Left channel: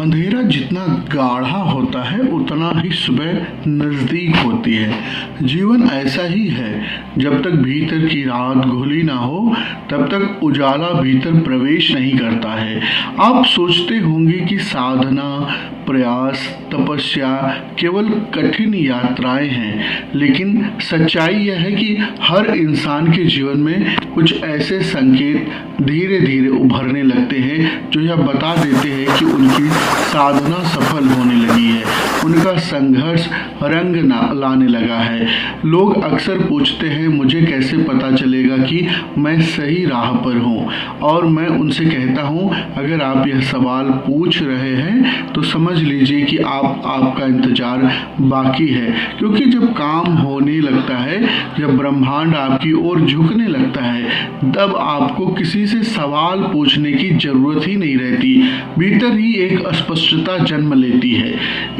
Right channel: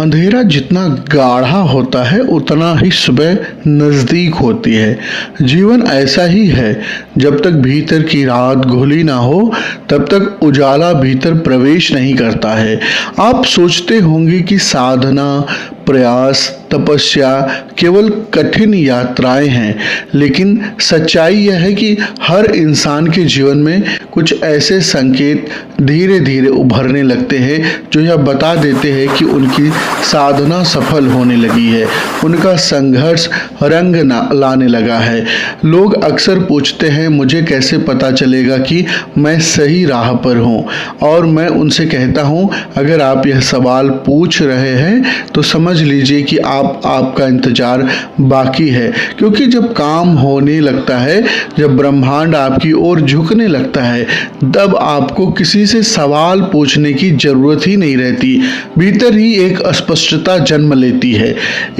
अंधेरा जितना गाढ़ा होता है उतना ही सुबह नज़दीक होती है। जीवन ऐसा ही है, जब तक भीतर की रात घुली ना हो तब तक उजाला भीतर प्रवेश नहीं करता है। आप सोचते होंगे कि साधना, प्रयास, तपस्या केवल कठिन यात्राएं हैं, लेकिन सच्चाई यह है कि हर इंसान के जीवन में कुछ ऐसे संकेत धीरे धीरे उभरने लगते हैं जो यह बता देते हैं कि उनकी साधना सफल होने लगी है, उनका संघर्ष रंग लाने लगा है। लोग अक्सर पूछते हैं, मुझे कैसे पता चलेगा कि मैं सही राह पर हूँ? और मैं उनसे कहता हूँ, अगर आप यह सवाल पूछ रहे हैं तो समझ लीजिए कि आपका इंतजार बाकी है, क्योंकि जब काम होने लगता है, जब ब्रह्मांड आपकी ओर झुकने लगता है, तब आपको किसी से सवाल पूछने की जरूरत ही नहीं रहती। भीतर ही एक स्पष्टता जन्म लेती है,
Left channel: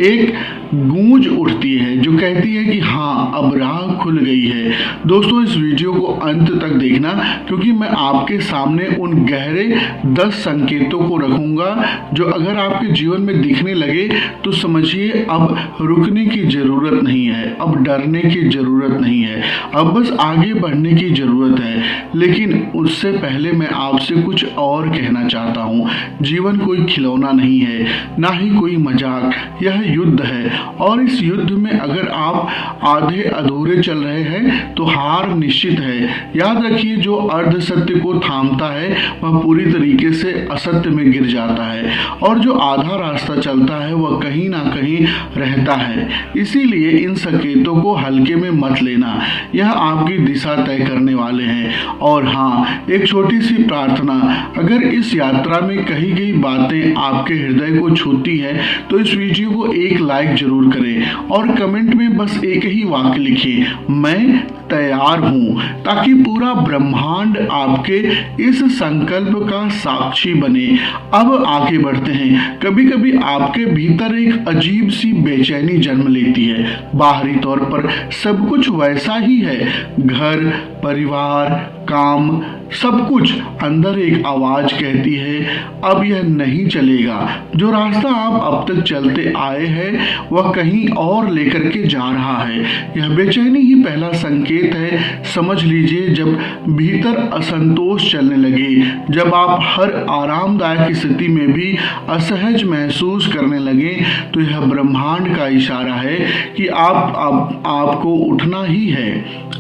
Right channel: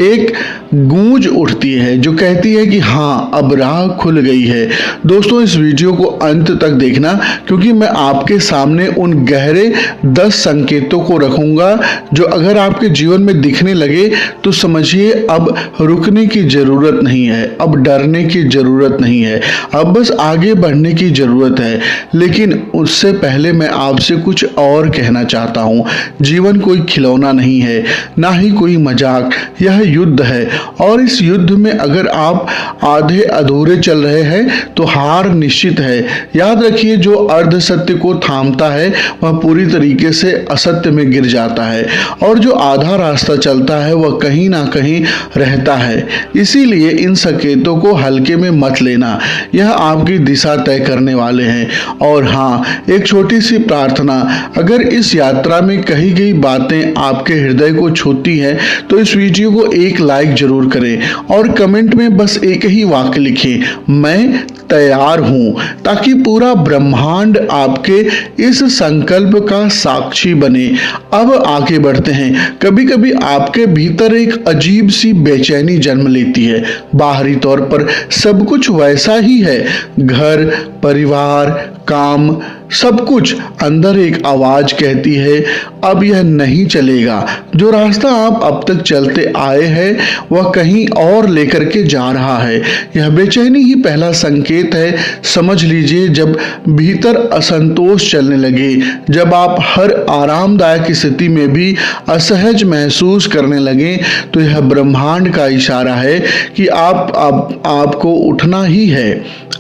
एक गूंज उठती है जो कहती है कि हाँ, अब राह खुल गई है। दोस्तों, इस वीडियो को अंत तक देखना, क्योंकि मैं आपके सामने उन गहरे 10 संकेतों को रखूंगा जो अगर आपके जीवन में दिखने लगे तो समझिए अब रुकने की जरूरत नहीं है, अब डरने की जरूरत नहीं है, अब बस आगे बढ़ने की जरूरत है। लेकिन उससे पहले मैं आपसे कुछ और कहना चाहता हूँ। जीवन कोई खिलौना नहीं है, ना ही कोई मजाक, यह युद्ध है। और इस युद्ध में अगर आप आधे अधूरे चल रहे हैं तो हार निश्चित है। याद रखिए, जो अर्ध सत्य को थामता है वह पूरी तरीके से असत्य में गिर जाता है, और जो आधा रास्ता चलता है वह कहीं ना कहीं रहता है। इसीलिए इन संकेतों को हल्के में मत लेना, यह आपकी दिशा तय करने वाले हैं। और हाँ, एक छोटी सी प्रार्थना, अगर इस यात्रा में कही गई बातें आपके हृदय को छूती हैं तो इस वीडियो को एक लाइक जरूर करें और कमेंट में बस एक ही वाक्य लिखें, मैं तैयार हूं, ताकि पूरा ब्रह्मांड आपके इस संकल्प का साक्षी बने। अब आगे बढ़ते हैं। कभी कभी आपके भीतर एक अजीब सी बेचैनी जन्म लेती है। बाहरी तौर पर सब कुछ वैसा ही है, घर, परिवार, काम, सब कुछ। अंदर एक आवाज कहती है, अब यह नहीं चलेगा। जो रास्ता आप अब तक चलते आए हैं वह कहीं और लेकर के जा रहा है। यह बेचैनी ही पहला संकेत है। समझ लीजिए, जब भीतर असंतोष चलने लगे, जब आप हर आरामदायक स्थिति में भी असहज महसूस करने लगे, तो यह ब्रह्मांड का इशारा है कि आपको उठना ही है।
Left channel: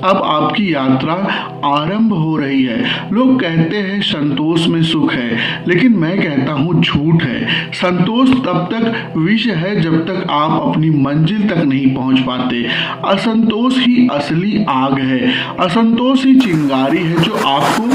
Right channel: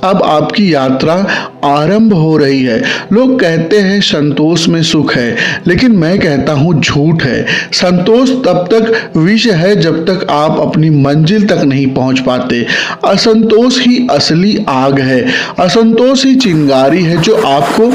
अब आपकी यात्रा आरंभ हो रही है। लोग कहते हैं संतोष में सुख है, लेकिन मैं कहता हूं झूठ है। संतोष तब तक विष है जब तक आप अपनी मंजिल तक नहीं पहुंच पाते। असंतोष ही असली आग है, असंतोष ही चिंगारी है जो आपको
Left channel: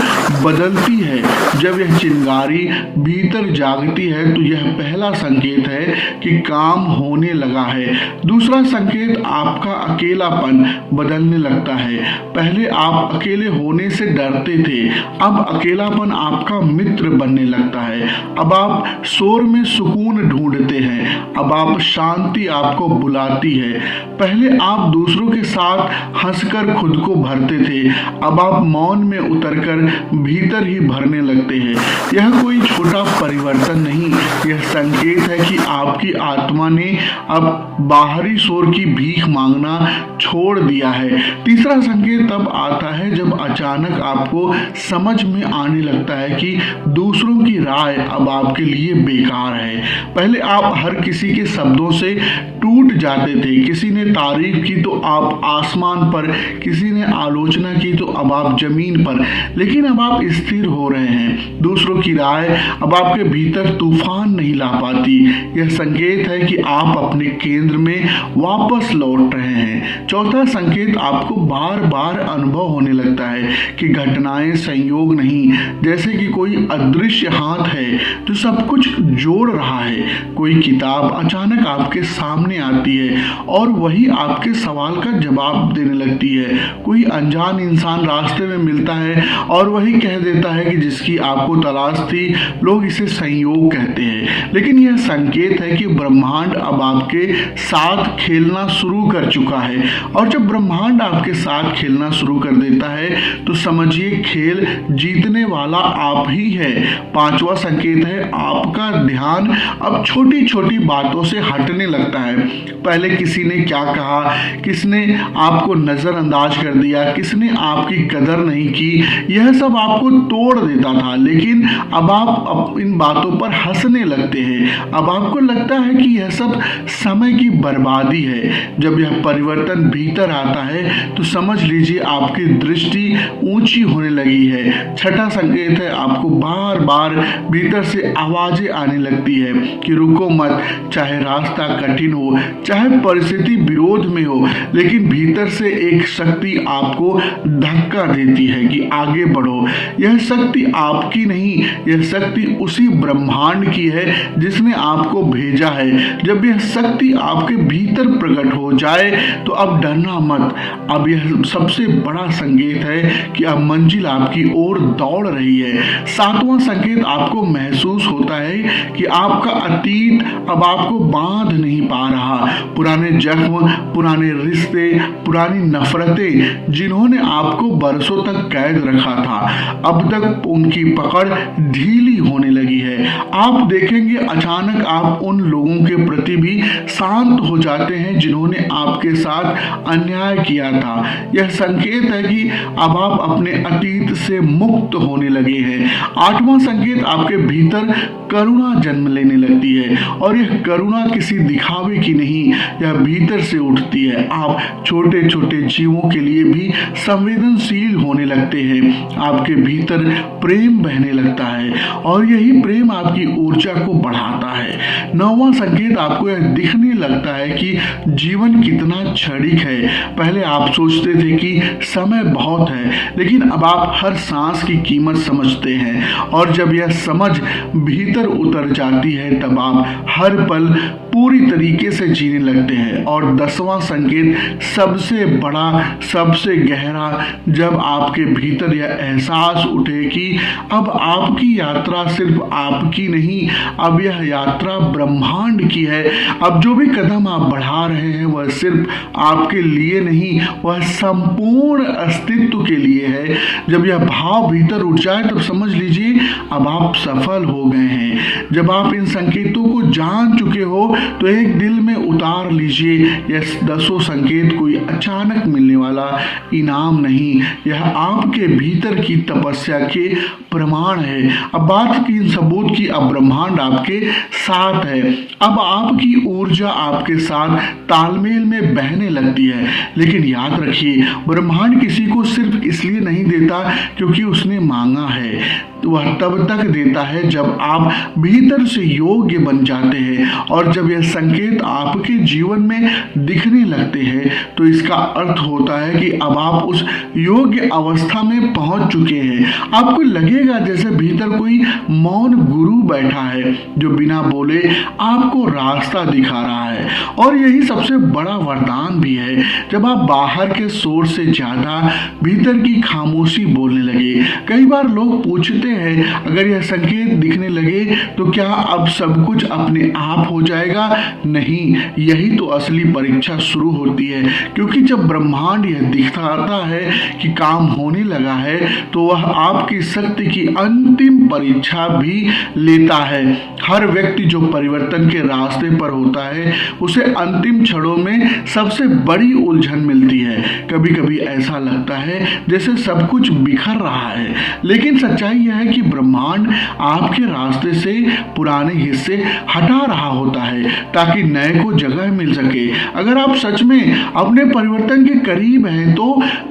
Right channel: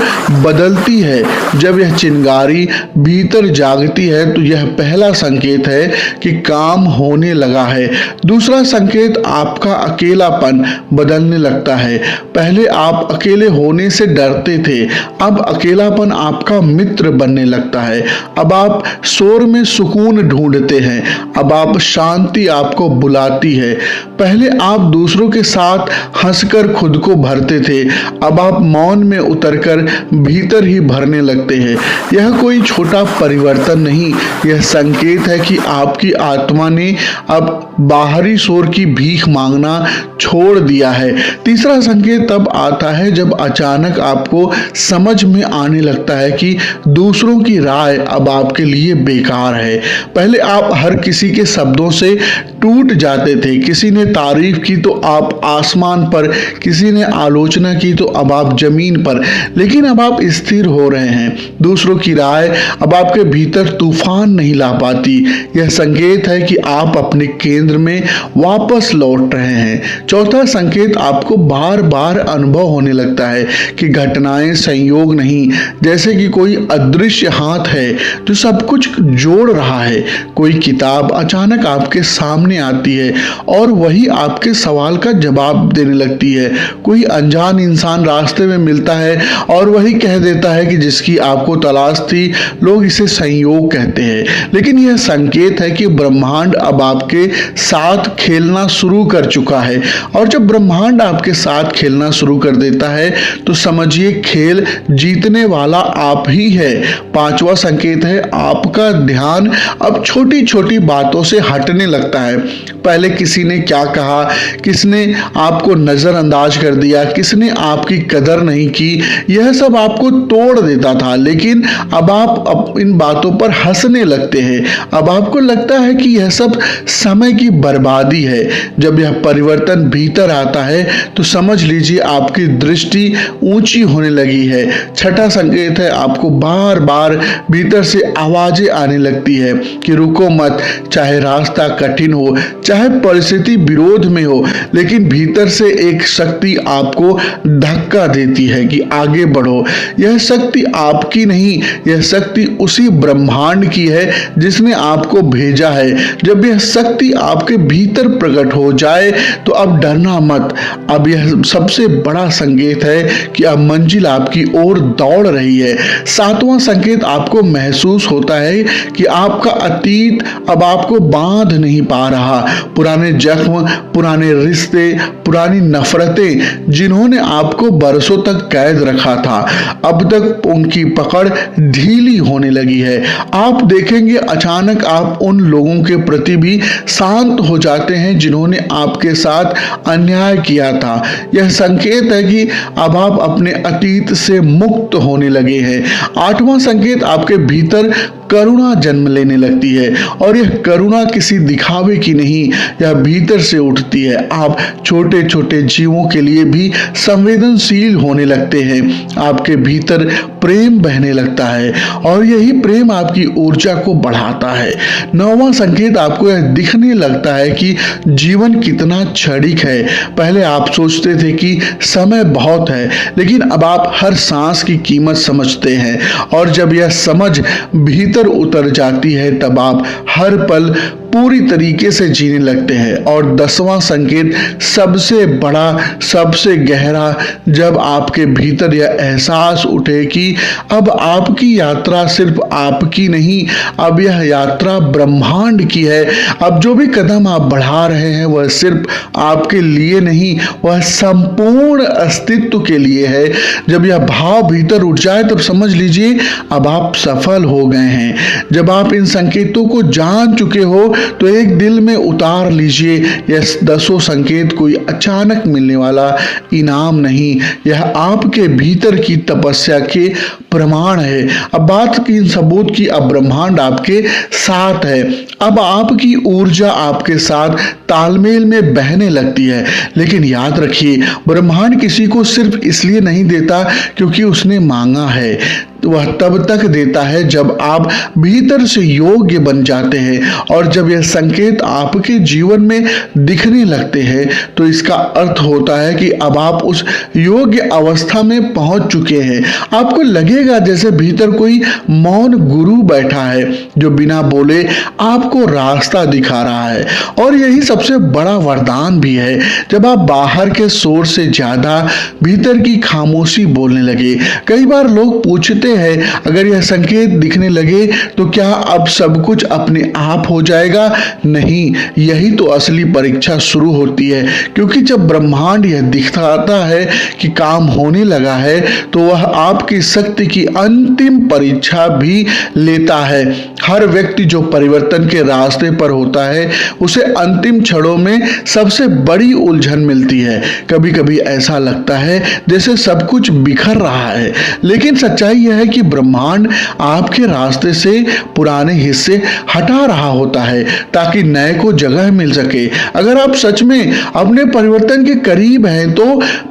बदलती है। जब यह चिंगारी भीतर जागती है तो यह पहला संकेत है कि काम होने लगा है। दूसरा संकेत, आपका अकेलापन बदलने लगता है। पहले आप अकेले होने से डरते थे, अब अकेलापन आपका मित्र बनने लगता है। अब आप शोर में सुकून ढूंढते हैं, अब आप शांति आपको बुलाती है। पहले आप दूसरों के साथ हंसकर खुद को भरते थे, अब आप मौन में उतरकर भीतर ही भरने लगते हैं। यह कोई छोटा परिवर्तन नहीं, यह संकेत है कि आपकी आत्मा ने अब बाहरी शोर की भीख मांगना छोड़ दिया है। तीसरा संकेत तब आता है जब अचानक आपको समझ में आने लगता है कि दूसरों की राय अब आपके लिए बेकार है। पहले आप हर किसी के शब्दों से टूट जाते थे। किसी ने तारीफ की तो आप आसमान पर, किसी ने आलोचना की तो अब आप जमीन पर। लेकिन अब आप स्थिर हो रहे हैं। दूसरों की राय अब आपके भीतर तूफान नहीं ला पाती। यह संकेत है कि आप अपने केंद्र में वापस लौट रहे हैं। चौथा संकेत, आपको बार बार अनुभव होने लगता है कि घटनाएं संयोग नहीं, जैसे कि कोई अदृश्य हाथ है जो सब कुछ जोड़ रहा है। कोई किताब अचानक आपके सामने आती है और वही आपके सवाल का जवाब देने लगती है। कोई अनजान इंसान रास्ते में मिलता है और वही कह देता है कि जिसकी आपको तलाश थी। लोग इसे संयोग कहते हैं, लेकिन यह संकेत है कि ब्रह्मांड अब आपके साथ खेलना शुरू कर चुका है। और जब ब्रह्मांड आपके साथ खेलना शुरू कर देता है तो समझिए खेल जीतने वाला आप ही है। पांचवा संकेत है, आपका ध्यान अब छोटी छोटी बातों से हटने लगता है। पहले किसी ने क्या कहा, किसने आपको नजरअंदाज कर दिया, किसने आपकी कदर नहीं की, यह सब आपको तोड़ देता था। लेकिन अब आप इन बातों पर हंसने लगते हैं। अब आपको लगता है कि यह सब समय की बर्बादी है। जब यह परिवर्तन भीतर आता है तो समझ लीजिए आपकी दृष्टि ऊंची होने लगी है। छठा संकेत है, आपको बार बार भीतर से आवाजें आने लगती है कि रुको मत, चाहे रास्ता कठिन हो, चाहे परिस्थिति विरोध में हो, लेकिन भीतर से एक शक्ति आपको धक्का देती है कि आगे बढ़ो। यह शक्ति आपकी नहीं, यह शक्ति उसी ब्रह्मांड की है जिसने आपको भेजा है। जब यह शक्ति आपके भीतर प्रकट हो जाए तो अब डरना मत। अब यह सबसे बड़ा संकेत है कि अब मंजिल आपकी ओर दौड़ रही है। सातवां संकेत, आपको महसूस होता है कि आपका अतीत अब आपको बांध नहीं पा रहा। पुराने जख्म, पुराने रिश्ते, पुरानी नफरतें जिन्होंने आपको बरसों तक कैद रखा था, अब तक उनकी पकड़ ढीली होने लगी है। आप देखेंगे अचानक आप उन लोगों के प्रति भी शांत हो जाते हैं जिन्होंने आपके साथ अन्याय किया था। यह संकेत है कि अब आप अपने अतीत से मुक्त होने लगे हैं। आठवां संकेत, आपके भीतर करुणा जन्म लेने लगती है और यह करुणा किसी दिखावे की नहीं, यह भीतर से उठती है। आप छोटे छोटे जीवों के लिए भी संवेदनशील होने लगते हैं। आपके भीतर प्रेम बहने लगता है और यही प्रेम आपकी ऊर्जा को बढ़ाता है। नौवां संकेत, आपको यह दिखने लगता है कि जीवन कितना क्षणिक है। पहले आप सोचते थे कि समय बहुत है, लेकिन अब आप हर सांस की कीमत समझते हैं और जब यह समझ भीतर उतर जाती है तब आप हर पल पूरी तरीके से जीने लगते हैं। और 10वां संकेत, सबसे बड़ा, सबसे गहरा, जब आपके भीतर यह एहसास उठे कि अब आपकी यात्रा सिर्फ आपकी नहीं, अब यह यात्रा ब्रह्मांड की है। अब जो भी कदम आप बढ़ा रहे हैं वह सिर्फ आपके लिए नहीं, वह संपूर्ण अस्तित्व के लिए है। जब यह भाव भीतर उठ जाए तब समझ लीजिए अब आप सफल हो गए हैं। जब आप इन संकेतों को जान चुके हो तो एक दिल में उतार लीजिए, यह 10 संकेत कोई अचानक मिलने वाला इनाम नहीं, यह आपके भीतर की तपस्या के प्रमाण है। अब बात की इन सबूत की, अब ब्रह्मांड आपके साथ है। अब आपकी ऊर्जा आपके साथ तालमेल में बहने लगती है। लेकिन याद रखिए, ब्रह्मांड किसी को सिर्फ इसलिए नहीं देता क्योंकि उसने मांगा है, वह तब तक देता है जब आप भीतर से योग्य बन जाते हैं। और जब यह संकेत आपके जीवन में दिखने लगते हैं तो इसका अर्थ होता है कि अब आप उस योग्य अवस्था में पहुंच चुके हैं। आपको लगेगा जैसे भीतर कोई मौन गुरु बैठा है जो बिना बोले आपको रास्ता दिखा रहा है। और यही सबसे बड़ा वरदान भी है, जब आप बाहर के शोर से ज्यादा भीतर की खामोशी बोलने लगे। कई बार लोग पूछते हैं, अगर यह संकेत दिखने लगे तो क्या अब सब कुछ अपने आप हो जाएगा? नहीं, यही तो असली परीक्षा शुरू होती है। क्योंकि जब ब्रह्मांड यह दिखाता है कि काम होने लगा है तो वह आपकी शक्ति की अंतिम परीक्षा भी लेता है। हर व्यक्ति जो परिवर्तन के रास्ते पर होता है उसे अंतिम क्षणों में सबसे बड़ी उलझन मिलती है। कभी कभी ऐसा लगता है जैसे सब कुछ बिखर रहा है, लेकिन सच्चाई यह है कि ब्रह्मांड आपके रास्ते से पुराने हिस्से हटा रहा होता है ताकि नए को जगह मिल सके। अगर आप सच में अपने परिवर्तन के करीब हैं तो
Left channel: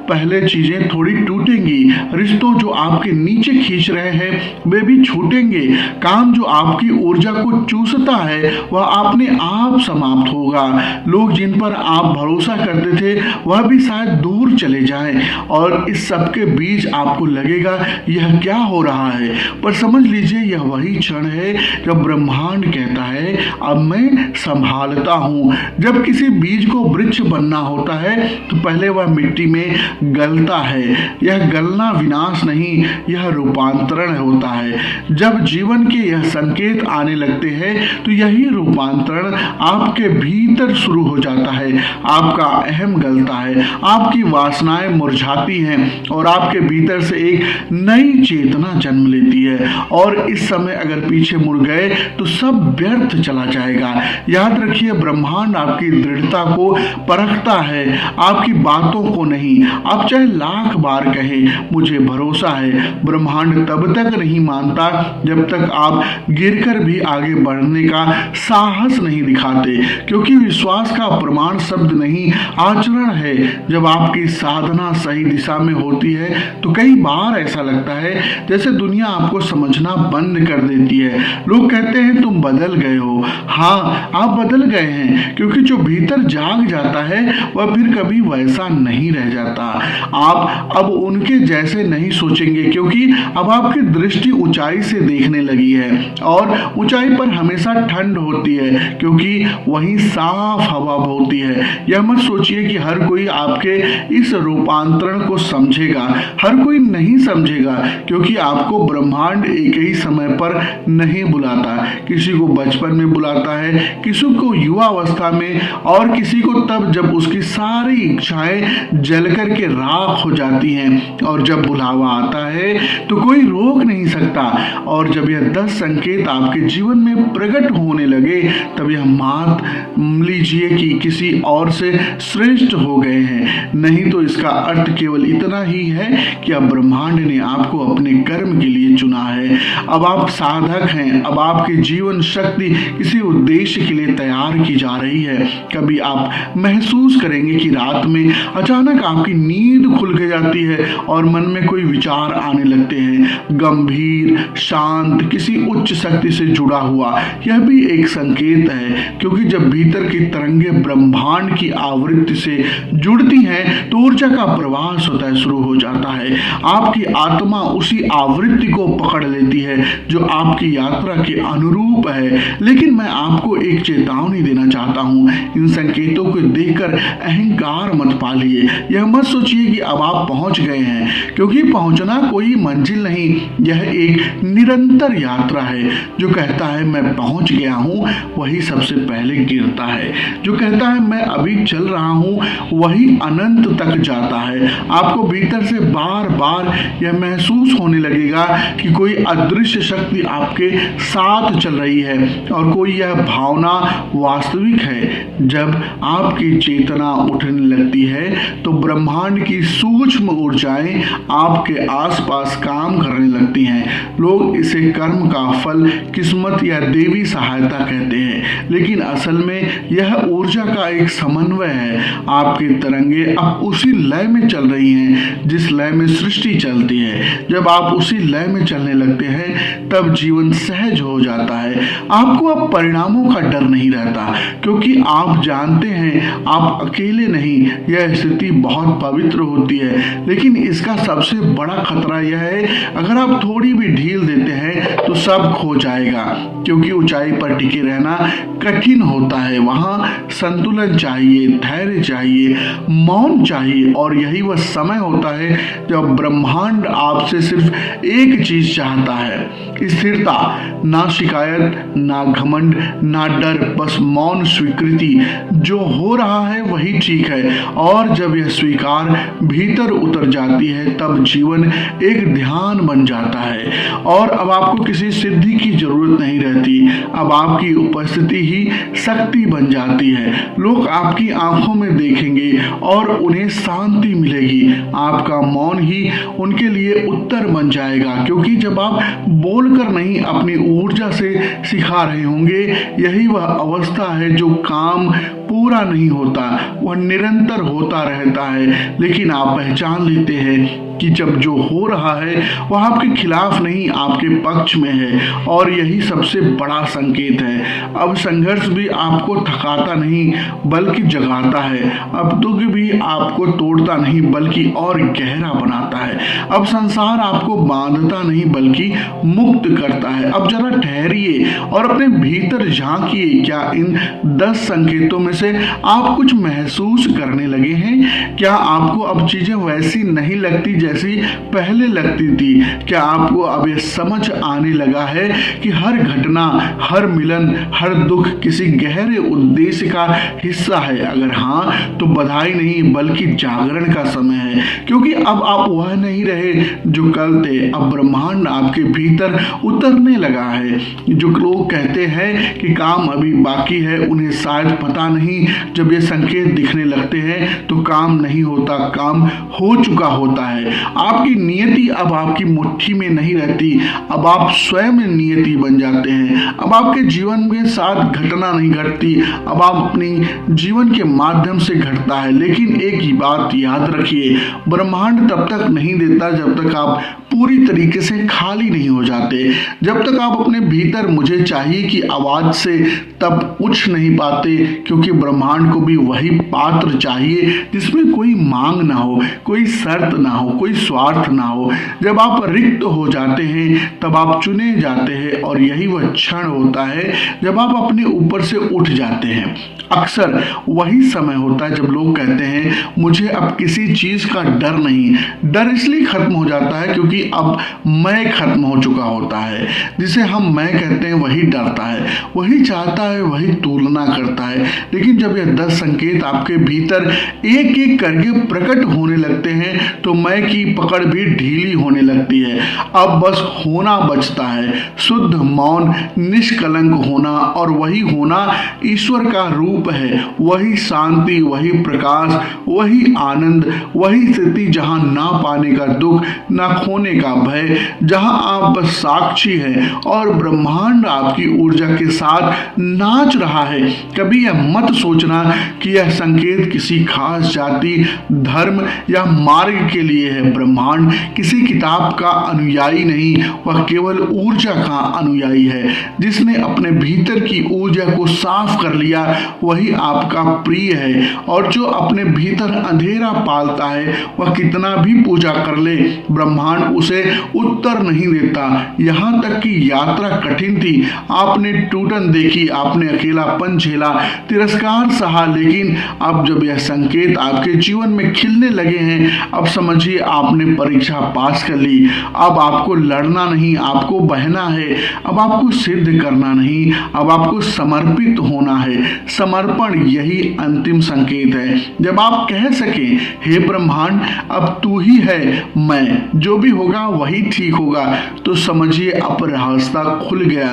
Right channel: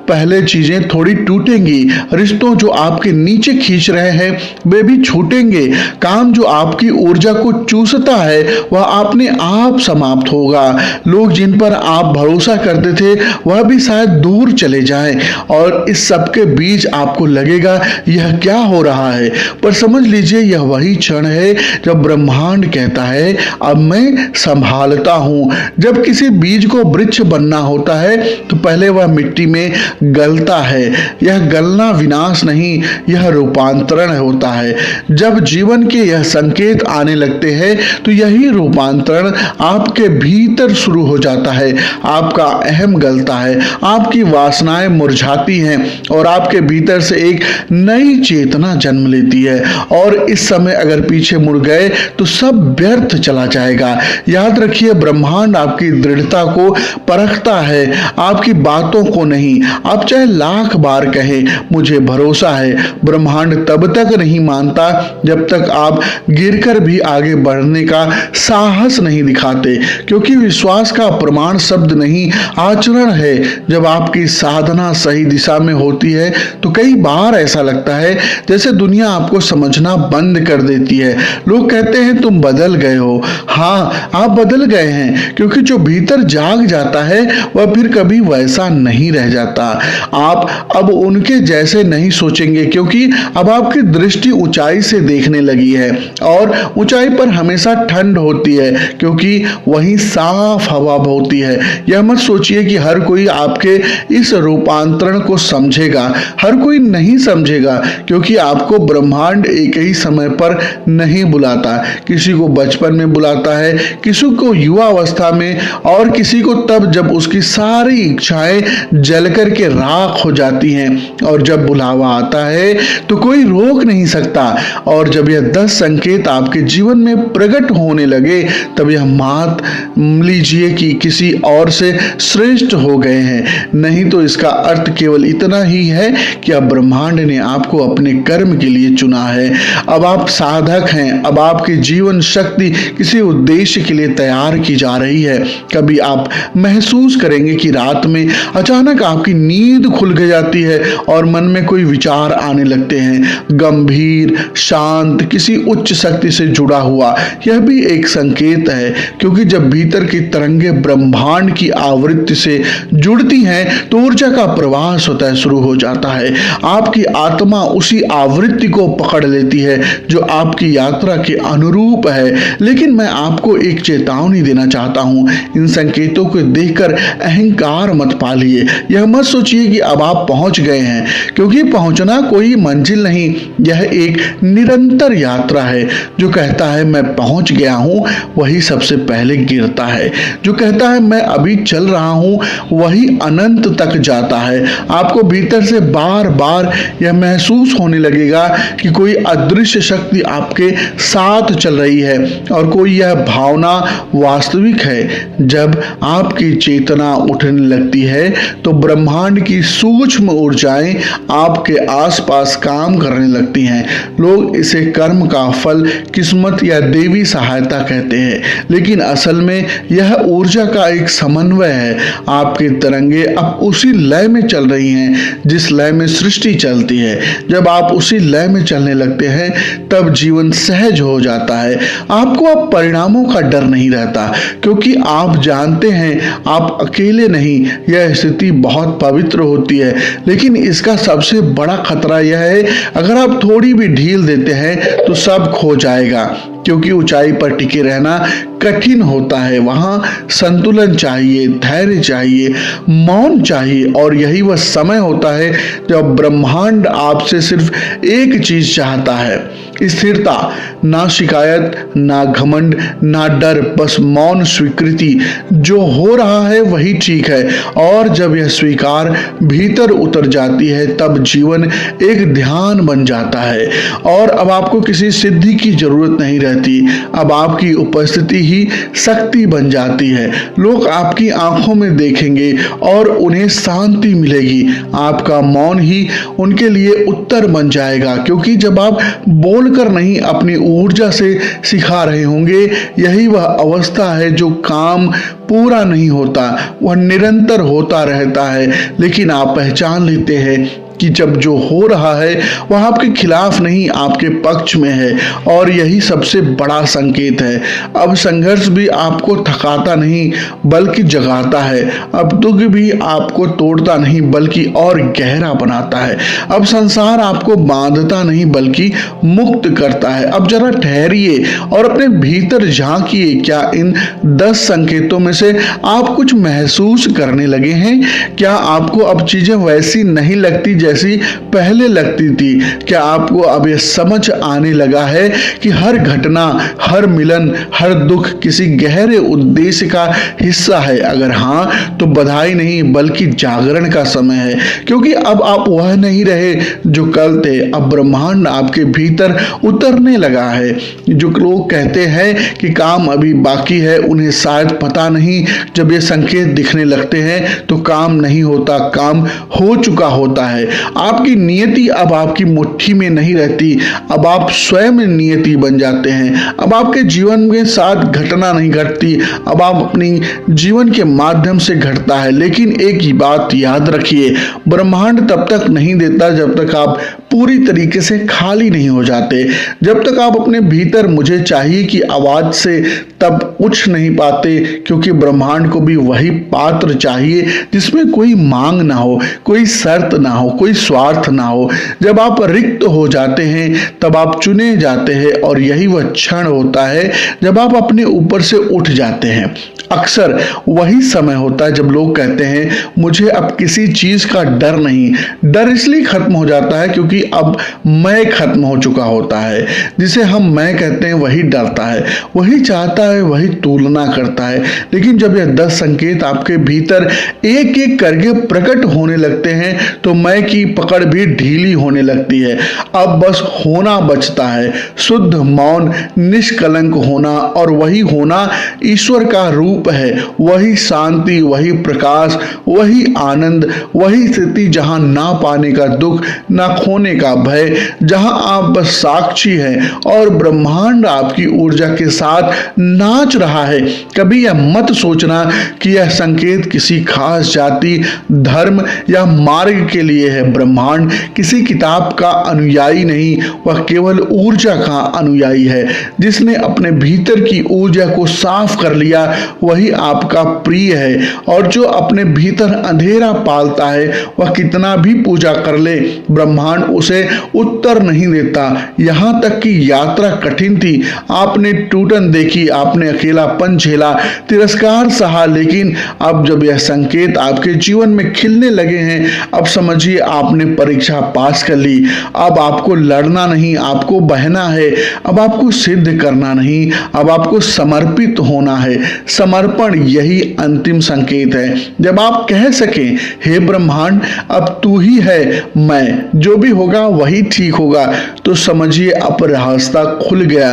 पहले चीजें थोड़ी टूटेंगी, रिश्तों जो आपके नीचे खींच रहे हैं वे भी छूटेंगे, काम जो आपकी ऊर्जा को चूसता है वह अपने आप समाप्त होगा, लोग जिन पर आप भरोसा करते थे वह भी शायद दूर चले जाएं। और इस सब के बीच आपको लगेगा यह क्या हो रहा रहा है, पर समझ लीजिए यह वही क्षण है जब ब्रह्मांड कहता है अब मैं संभालता हूँ। जब किसी बीज को वृक्ष बनना होता है तो पहले वह मिट्टी में गलता है। यह गलना विनाश नहीं, यह रूपांतरण होता है। जब जीवन के यह संकेत आने लगते हैं तो यही रूपांतरण आपके भीतर शुरू हो जाता है। आपका अहम गलता है, आपकी वासनाएं मुरझाती हैं और आपके भीतर से एक नई चेतना जन्म लेती है। और इस समय अगर पीछे मुड़ गए तो सब व्यर्थ चला जाएगा। याद रखिए, ब्रह्मांड आपकी दृढ़ता को परखता है, आपकी बातों को नहीं। आप चाहे लाख बार कहें मुझे भरोसा है, ब्रह्मांड तब तक नहीं मानता जब तक आप गिरकर भी आगे बढ़ने का साहस नहीं दिखाते, क्योंकि विश्वास का प्रमाण शब्द नहीं आचरण है। जब आपकी साधना सही दिशा में होती है तो कई बार ऐसा लगता है जैसे दुनिया आपको समझना बंद कर देती है। लोग कहते हैं तुम बदल गए हो। हाँ, आप बदल गए हैं, क्योंकि जो भीतर जाग जाता है वह फिर कभी वैसा नहीं रह जाता। आप अब उनके जैसे नहीं सोचेंगे, क्योंकि अब आपकी दृष्टि ऊंचाई से देखने लगी है और ऊंचाई पर हमेशा ठंड होती है, क्योंकि वहीं साफ हवा होती है। यह मत सोचिए कि हर कोई आपके इस रूपांतरण को समझेगा। हर कोई नहीं समझेगा, क्योंकि आपको ब्रह्मांड एक ही समय पर नहीं बुलाता। किसी को बचपन में बुलाता है, किसी को युवा अवस्था में, और किसी को तब जब उसकी सारी इच्छाएं जलकर के राख हो जाती हैं। और जब बुलावा आता है तो कोई रोक नहीं सकता। और जब यह 10 संकेत आपके जीवन में प्रकट होने लगे तब यह मान लीजिए कि किसी और से श्रेष्ठ हो गए हैं। नहीं तो इसका अर्थ केवल इतना ही है कि अब ब्रह्मांड ने आपको अपने कर्म के लिए चुना है। अब आप साधक हैं। अब आपकी जीवन शक्ति किसी उद्देश्य के लिए तैयार की जा रही है। कभी आप महसूस करेंगे कि रात में अचानक आपकी नींद खुल जाती है और मन में कोई विचार आने लगते हैं, गंभीर, शांत, किसी उच्च शक्ति से जुड़ा हुआ। यह भी एक संकेत है, क्योंकि जब भीतर की तरंगें ब्रह्मांड की आवृत्ति से जुड़ती हैं तो ऊर्जा का प्रवाह स्वतः शुरू हो जाता है। आपकी आत्मा उसी आवृत्ति को पकड़ लेती है जो आपकी यात्रा के अनुरूप है। लेकिन मैं आपको एक चेतावनी देना चाहता हूं, इन संकेतों को देखकर अहंकार मत पालिए। यह मत सोचिए कि अब आप पहुंच गए हैं, क्योंकि पहुंचना कोई मंजिल नहीं, यह एक निरंतर यात्रा है। जो कहता है मैं पहुंच गया हूं वही सबसे पहले गिरता है। जो कहता है मैं अभी चल रहा हूं वही अनंत तक जाता है। आपको भीतर से बार बार यह महसूस होने लगेगा कि कोई अदृश्य शक्ति आपके साथ चल रही है और कोई यह भावना वास्तविक है। जब आपकी चेतना उठने लगती है तो ब्रह्मांड की सूक्ष्म ऊर्जाएं आपके आसपास काम करने लगती हैं। लोग इसे कर्म का फल, किस्मत या देवी सहायता कहते हैं, लेकिन असल में यह ऊर्जा का एक समन्वय है। आपकी तरंगे अब उसी लय में चल रही हैं जिस लय में सृष्टि चलती है। जब आप उसी लय में चलने लगते हैं तब जीवन सहज हो जाता है। आपको अब परिणामों का डर नहीं रहता, क्योंकि आप जानते हैं आप अकेले नहीं। यह स्थिति बहुत पवित्र होती है, लेकिन इसका सबसे बड़ा खतरा यह है अगर आप थोड़ी भी ढील देते हैं तो सब खो जाएगा, क्योंकि ऊंचाई पर टिके रहना कठिन होता है। वहां संतुलन चाहिए, धैर्य चाहिए, मौन चाहिए, और यही वह समय होता है जब ब्रह्मांड आपसे सिर्फ एक चीज चाहता है, स्थिरता। ना शिकायत, ना घमंड, ना डर, बस मौन स्वीकृति। जो हो रहा है वही ठीक है। और जब यह स्वीकार भीतर उतर जाती है तब जीवन एक ध्यान बन जाता है और अब आपको किसी सिद्धि की जरूरत नहीं रहती। अब आपकी उपस्थिति ही शक्ति बन जाती है। लोग आपकी आंखों में देखेंगे और उन्हें शांति मिलेगी। आपका मौन ही उनके लिए उत्तर बन जाएगा, क्योंकि जब आप बोलकर नहीं अपनी ऊर्जा से सिखा रहे होंगे, यही वह अवस्था है जो काम पूरा नहीं होता, वह निरंतर होता रहता है। लेकिन आप पहचान लेते हैं कि जब जो हो रहा है वह आपके खिलाफ नहीं, आपके पक्ष में है, और यही सबसे बड़ा संकेत है। अब संघर्ष भी आपको थकाता नहीं बल्कि जगाता है। अब दुख भी आपको तोड़ता नहीं बल्कि और गहरा बनाता है। अब संसार आपको बांधता नहीं बल्कि मुक्त करता है। अब जरा ठहरिए और अपने भीतर झांकिए, क्या इन 10 संकेतों में से आप कुछ महसूस करने लगे हैं? क्या आपको अब चीजें वैसी नहीं लगती जैसी पहले लगती थी? क्या आपको अब यह समझ आने लगा है कि हर घटना, हर मिलन, हर दुख किसी गहरे उद्देश्य का हिस्सा है? अगर हाँ, तो बधाई नहीं बल्कि जागरण का समय है, क्योंकि अब आप वह नहीं रहे जो कल थे। अब ब्रह्मांड आपके भीतर उतरने लगा है। जो लोग कहते हैं कि काम अभी बाकी है, उन्हें शायद पता नहीं, जब ये संकेत दिखने लगते हैं तो काम नहीं होता, काम हो चुका होता है। आपकी नियति अब आपकी मुट्ठी में नहीं रहती, अब आप स्वयं नियति बन जाते हैं। अब आपके जीवन के साथ घटना नहीं घटती, अब आप अपनी जीवन के माध्यम से घटता है। लेकिन एक ही बात याद रखिए, ब्रह्मांड तब तक नहीं देता जब तक आप पूरी तरीके से खाली नहीं हो जाते। जब तक आप अपने भीतर मुझे चाहिए कि आवाज से तब उठ नहीं पाते, क्योंकि ब्रह्मांड को भी वही पात्र चाहिए जिसमें कोई मांग ना हो, कोई शर्त ना हो, कोई स्वार्थ ना हो। जब आप रिक्त हो जाते हैं तब आप चुने जाते हैं, और यही वह क्षण होता है जब आप अपने ऊपर से उठ जाते हैं। अक्सर वही समय होता है जब लोग कहते हैं मुझे अब किसी चीज का डर नहीं। डर इसलिए खत्म हो जाता है क्योंकि अब मैं खत्म हो चुका होता है। जिसे हम मैं कहते हैं वही डरता है, वही चाहता है, वही तुलना करता है। लेकिन जब यह 10 संकेत आपके भीतर एक एक करके प्रकट होने लगते हैं तो मैं की पकड़ भी ढीली होने लगती है। अब बस होना बचता है, शुद्ध मौन, निष्कलंक होना, और वही होना ईश्वर का रूप है। वही शांति, वही प्रकाश, वही आनंद, वही स्थिति जहां ना पाने का दुख, ना खोने का भय, जहां आप बस साक्षी हैं और ब्रह्मांड आपकी ऊर्जा के साथ नाच रहा है। कभी यह मत सोचना कि यह संकेत किसी खास जाति, धर्म या मार्ग के लिए है। ब्रह्मांड किसी किताब का अनुयायी नहीं, वह केवल ऊर्जा का अनुयायी है। जिसने अपने भीतर की ऊर्जा को साफ कर लिया वही आपका प्रिय है, और जो अपने भीतर अंधेरा पालता है वह कितना भी पूजा कर ले, ब्रह्मांड उसे उत्तर नहीं देता। यहां तक कि यात्रा कठिन थी, आपने टूटन देखी, आपने अकेलापन झेला, तिरस्कार सहा, लेकिन अब जब यह संकेत आपके जीवन में खिलने लगे हैं, अब समझिए आपने परीक्षा पास कर ली। अब आपको लड़ना नहीं, आपको बहना है। अब आपको सिद्ध करना नहीं, अब आपको समर्पित होना है। समर्पण यही अंतिम संकेत है, जब आप कह सकें हे ब्रह्मांड अब तू ही है, मैं, जो भी होगा वही ठीक होगा, तो समझिए अब रास्ता खुल गया।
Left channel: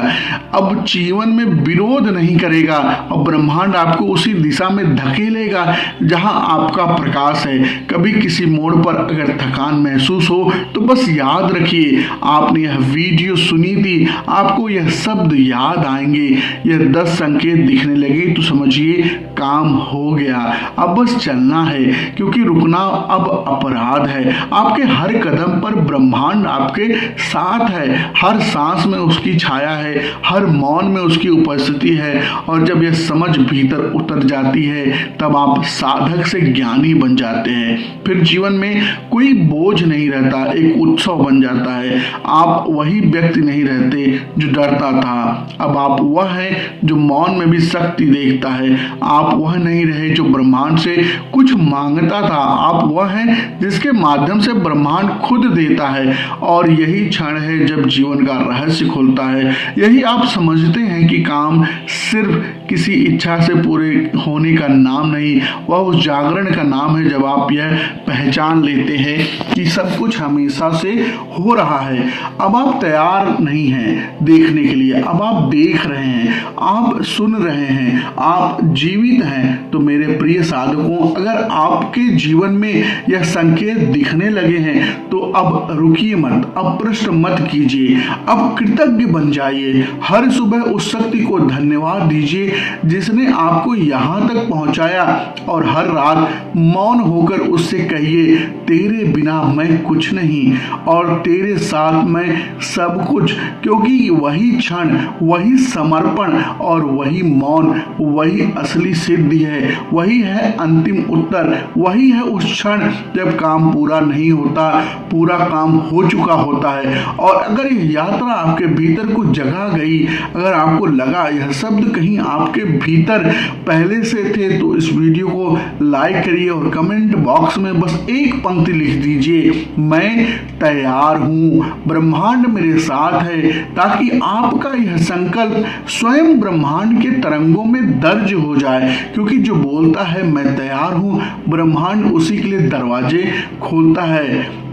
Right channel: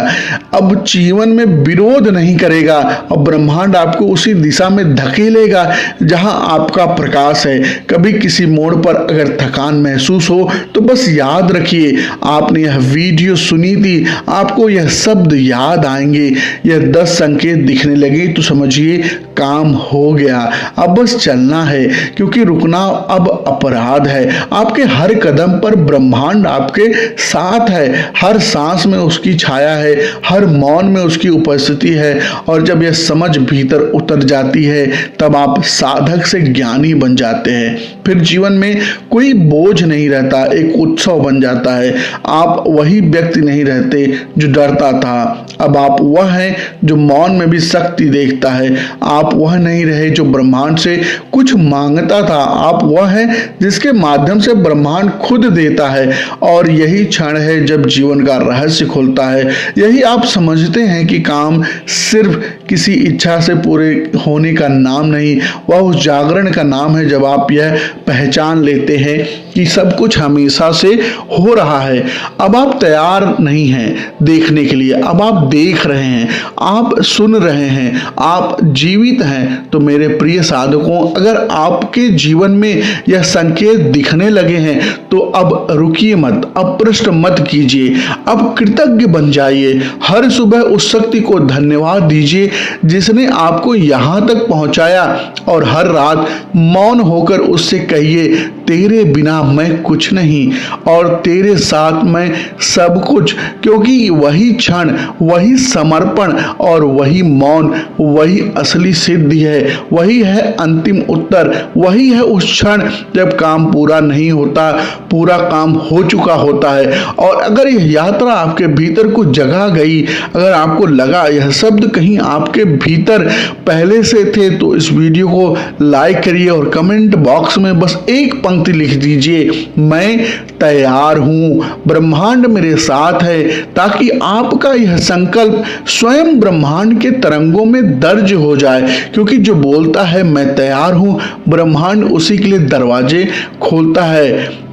अब जीवन में विरोध नहीं करेगा और ब्रह्मांड आपको उसी दिशा में धकेलेगा जहां आपका प्रकाश है। कभी किसी मोड़ पर अगर थकान महसूस हो तो बस याद रखिए आपने यह वीडियो सुनी थी, आपको यह शब्द याद आएंगे, यह 10 संकेत दिखने लगे तो समझिए काम हो गया। अब बस चलना है, क्योंकि रुकना अब अपराध है। आपके हर कदम पर ब्रह्मांड आपके साथ है, हर सांस में उसकी छाया है, हर मौन में उसकी उपस्थिति है। और जब यह समझ भीतर उतर जाती है तब आप साधक से ज्ञानी बन जाते हैं। फिर जीवन में कोई बोझ नहीं रहता, एक उत्सव बन जाता है। आप वही व्यक्ति नहीं रहते जो डरता था, अब आप वह हैं जो मौन में भी शक्ति देखता है। आप वह नहीं रहे जो ब्रह्मांड से कुछ मांगता था, आप वह है जिसके माध्यम से ब्रह्मांड खुद देता है। और यही क्षण है जब जीवन का रहस्य खुलता है। यही आप समझते हैं कि काम सिर्फ किसी इच्छा से पूरे होने का नाम नहीं, वह उस जागरण का नाम है जब आप यह पहचान लेते हैं कि सब कुछ हमेशा से हो रहा है। अब आप तैयार नहीं हैं देखने के लिए, अब आप देख रहे हैं, आप सुन रहे हैं, आप आप जीवित हैं तो मेरे प्रिय साधकों, अगर आपके जीवन में यह संकेत दिखने लगे हैं तो अब रुकिए मत, अब प्रश्न मत कीजिए, अब कृतज्ञ बन जाइए। हर सुबह उस शक्ति को धन्यवाद दीजिए जिसने आपको यहाँ तक पहुँचाया, और हर रात मौन होकर उससे कहिए, तेरे बिना मैं कुछ नहीं और तेरे साथ मैं सब कुछ। क्योंकि वही क्षण, वही समर्पण और वही मौन, वही असली सिद्धि है, वही है अंतिम उत्तर, वही है उस क्षण जब काम पूरा नहीं होता, पूरा काम हो चुका होता है। और अगर यह यात्रा आपके भीतर कुछ जगह गई, अगर आपको लगा यह शब्द कहीं आपके भीतर पहले से थे, तो इस वीडियो को लाइक करिए और कमेंट बॉक्स में बस एक पंक्ति लिख दीजिए, मैं तैयार हूं, ब्रह्मांड मेरे साथ है, ताकि आपका यह संकल्प स्वयं ब्रह्मांड के तरंगों में दर्ज हो जाए। क्योंकि जो बोलता है मैं तैयार हूं, ब्रह्मांड उसी के लिए दरवाजे खोलता है।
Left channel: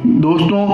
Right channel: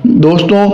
दोस्तों,